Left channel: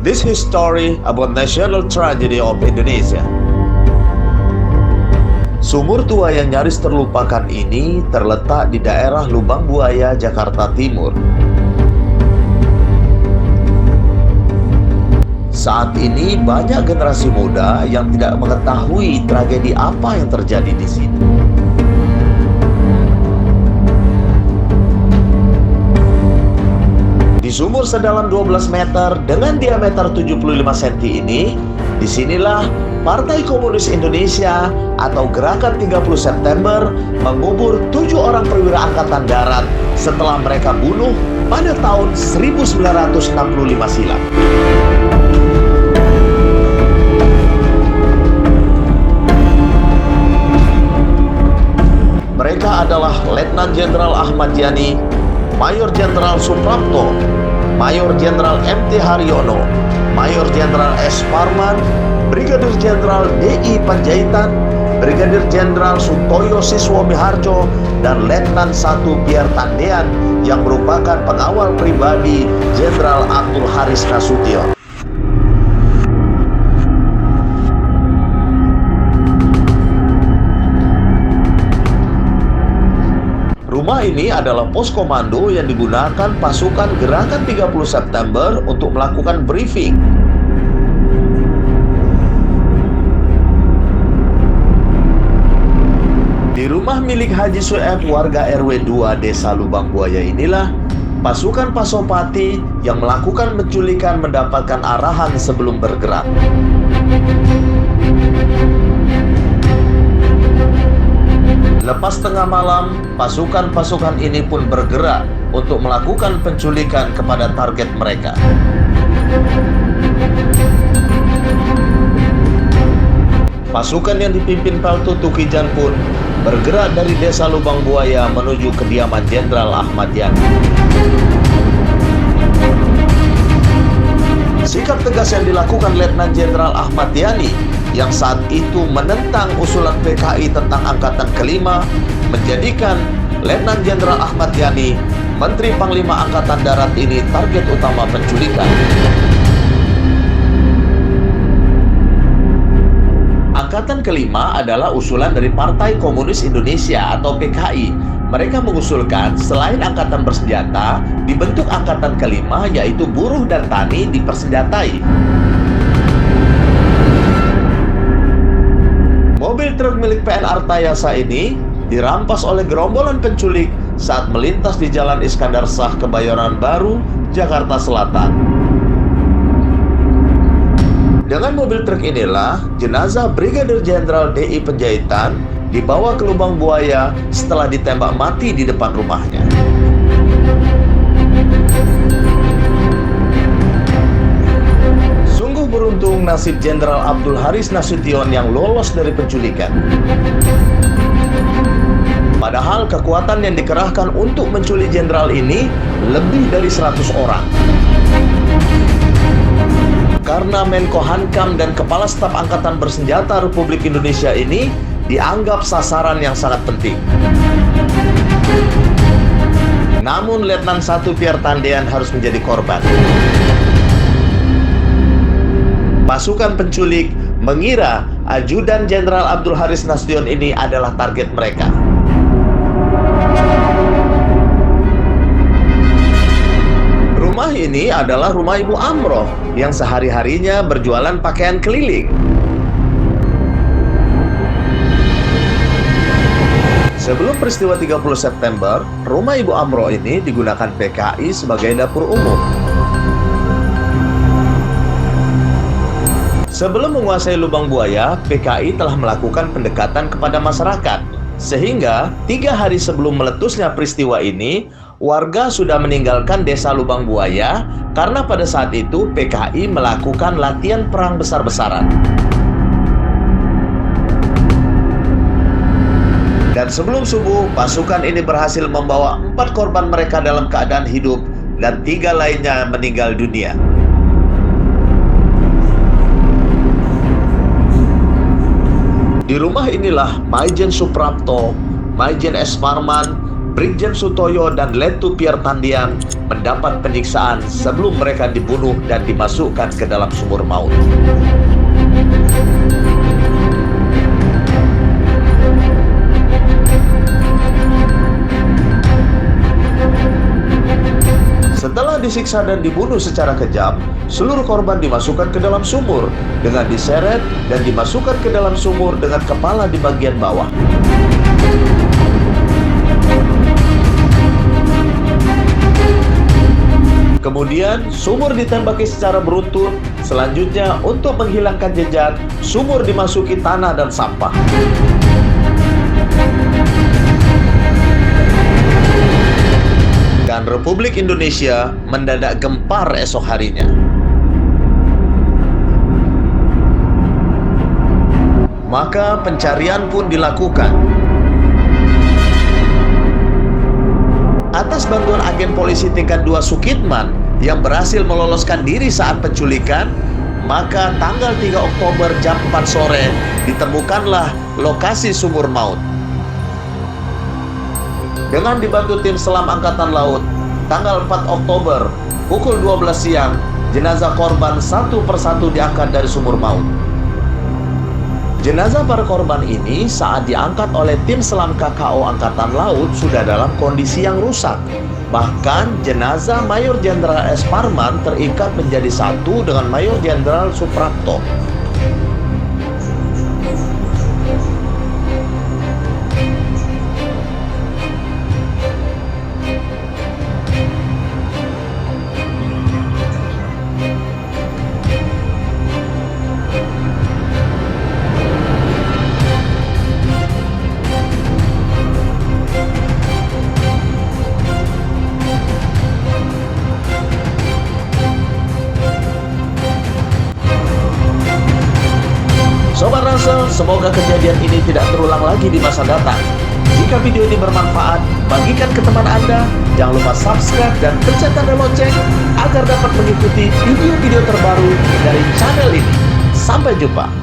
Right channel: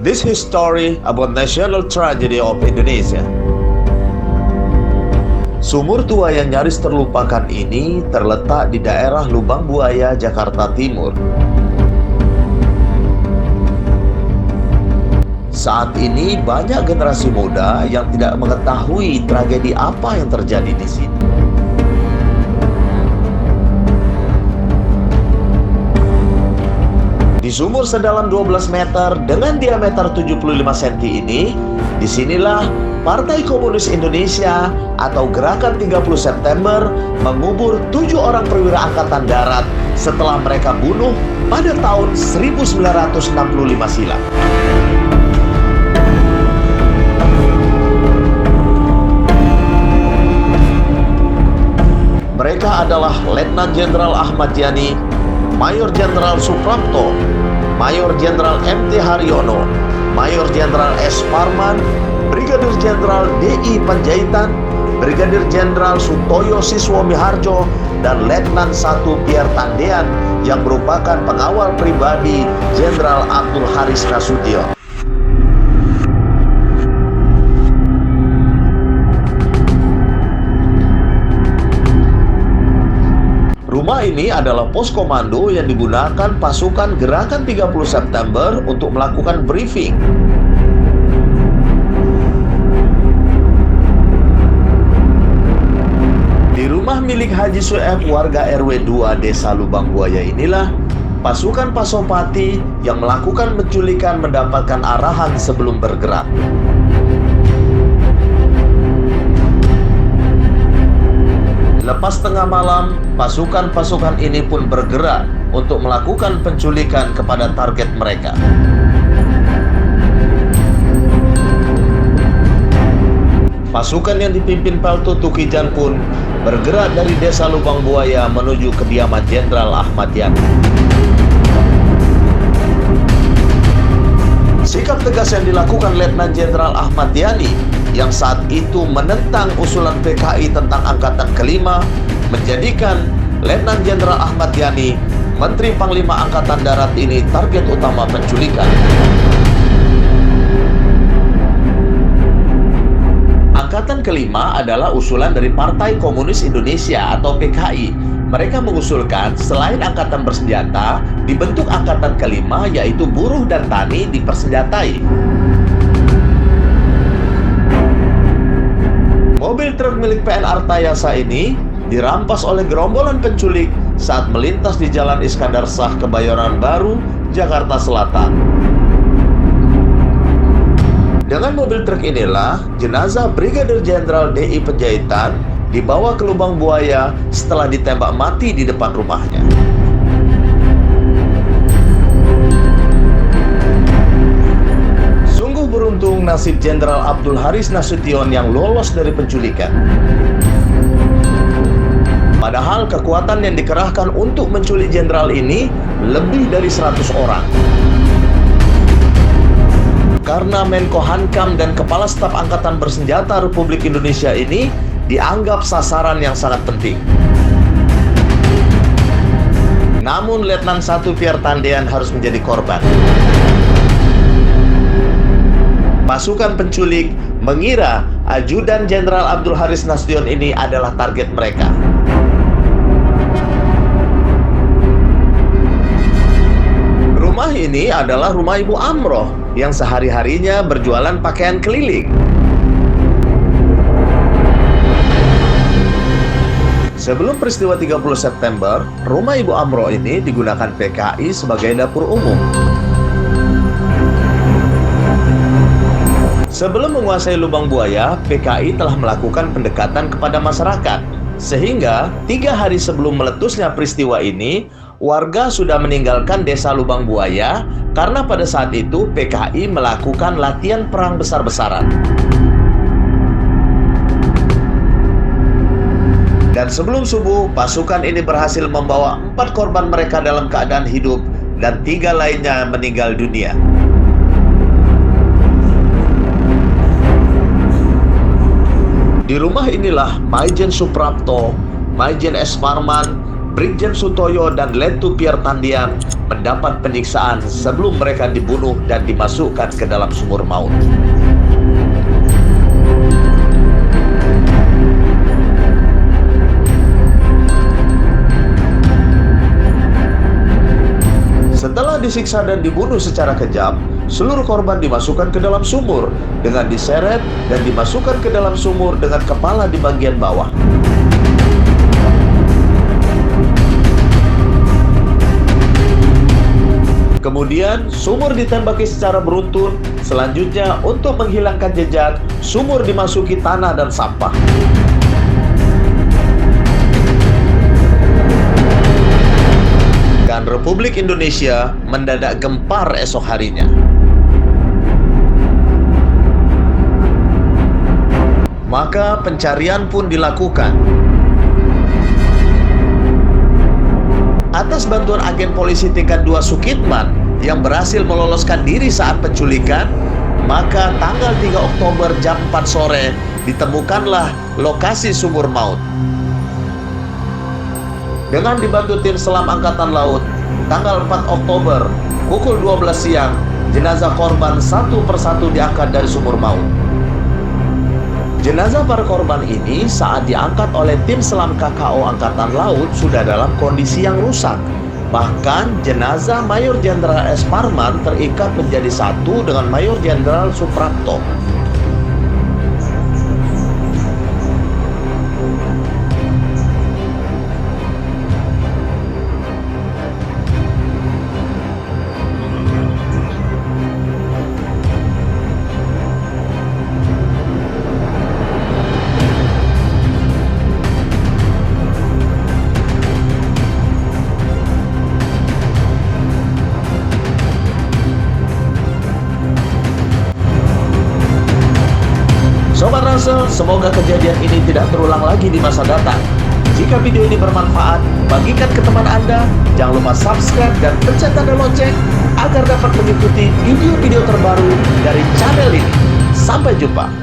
This is story about national tragedy of Indonesia. Sumur tua yang nyaris terlupakan ini terletak di daerah Lubang Buaya, Jakarta Timur. Saat ini banyak generasi muda yang tidak mengetahui tragedi apa yang terjadi di sini. Di sumur sedalam 12 meter dengan diameter 75 cm ini, disinilah Partai Komunis Indonesia atau Gerakan 30 September mengubur 7 orang perwira angkatan darat setelah mereka bunuh pada tahun 1965 silam. Mereka adalah Letnan Jenderal Ahmad Yani, Mayor Jenderal Suprapto, Mayor Jenderal MT Haryono, Mayor Jenderal S. Parman, Brigadir Jenderal D.I. Panjaitan, Brigadir Jenderal Sutoyo Siswo Miharjo, dan Letnan 1 Pierre Tandean yang merupakan pengawal pribadi Jenderal Abdul Haris Nasution. Rumah ini adalah pos komando yang digunakan pasukan Gerakan 30 September untuk melakukan briefing. Di rumah milik Haji Sueb warga RW 2 Desa Lubang Buaya inilah pasukan Pasopati yang melakukan penculikan mendapatkan arahan sebelum bergerak. Lepas tengah malam, pasukan-pasukan ini pun bergerak untuk melakukan penculikan kepada target mereka. Pasukan yang dipimpin Peltu Tukijan pun bergerak dari Desa Lubang Buaya menuju kediaman Jenderal Ahmad Yani. Sikap tegas yang dilakukan Letnan Jenderal Ahmad Yani yang saat itu menentang usulan PKI tentang Angkatan Kelima menjadikan Letnan Jenderal Ahmad Yani, Menteri Panglima Angkatan Darat ini target utama penculikan. Angkatan Kelima adalah usulan dari Partai Komunis Indonesia atau PKI. Mereka mengusulkan selain angkatan bersenjata, dibentuk angkatan kelima yaitu buruh dan tani dipersenjatai. Mobil truk milik PN Artayasa ini dirampas oleh gerombolan penculik saat melintas di Jalan Iskandar Shah, Kebayoran Baru, Jakarta Selatan. Dengan mobil truk inilah jenazah Brigadir Jenderal D.I. Panjaitan dibawa ke Lubang Buaya setelah ditembak mati di depan rumahnya. Sungguh beruntung nasib Jenderal Abdul Haris Nasution yang lolos dari penculikan. Padahal kekuatan yang dikerahkan untuk menculik jenderal ini lebih dari 100 orang. Karena Menko Hankam dan Kepala Staf Angkatan Bersenjata Republik Indonesia ini dianggap sasaran yang sangat penting. Namun Letnan 1 Pierre Tandean harus menjadi korban. Pasukan penculik mengira Ajudan Jenderal Abdul Haris Nasution ini adalah target mereka. Rumah ini adalah rumah Ibu Amroh yang sehari-harinya berjualan pakaian keliling. Sebelum peristiwa 30 September, rumah Ibu Amroh ini digunakan PKI sebagai dapur umum. Sebelum menguasai Lubang Buaya, PKI telah melakukan pendekatan kepada masyarakat. Sehingga 3 hari sebelum meletusnya peristiwa ini, warga sudah meninggalkan Desa Lubang Buaya karena pada saat itu PKI melakukan latihan perang besar-besaran. Dan sebelum subuh, pasukan ini berhasil membawa 4 korban mereka dalam keadaan hidup dan 3 lainnya meninggal dunia. Di rumah inilah Maijen Suprapto, Maijen S. Parman, Brigjen Sutoyo dan Letu Pierre Tandian mendapat penyiksaan sebelum mereka dibunuh dan dimasukkan ke dalam sumur maut. Setelah disiksa dan dibunuh secara kejam, seluruh korban dimasukkan ke dalam sumur dengan diseret dan dimasukkan ke dalam sumur dengan kepala di bagian bawah. Kemudian, sumur ditembaki secara beruntun. Selanjutnya, untuk menghilangkan jejak, sumur dimasuki tanah dan sampah. Dan Republik Indonesia mendadak gempar esok harinya. Maka pencarian pun dilakukan. Atas bantuan agen polisi tingkat 2 Sukitman yang berhasil meloloskan diri saat penculikan, maka tanggal 3 Oktober jam 4 sore ditemukanlah lokasi sumur maut. Dengan dibantu tim selam Angkatan Laut, tanggal 4 Oktober, pukul 12 siang, jenazah korban satu persatu diangkat dari sumur maut. Jenazah para korban ini saat diangkat oleh tim selam KKO Angkatan Laut sudah dalam kondisi yang rusak. Bahkan jenazah Mayor Jenderal S. Parman terikat menjadi satu dengan Mayor Jenderal Suprapto. Sobat Ransel, semoga kejadian ini tidak terulang lagi di masa datang. Jika video ini bermanfaat, bagikan ke teman Anda. Jangan lupa subscribe dan pencet tanda lonceng agar dapat mengikuti video-video terbaru dari channel ini. Sampai jumpa.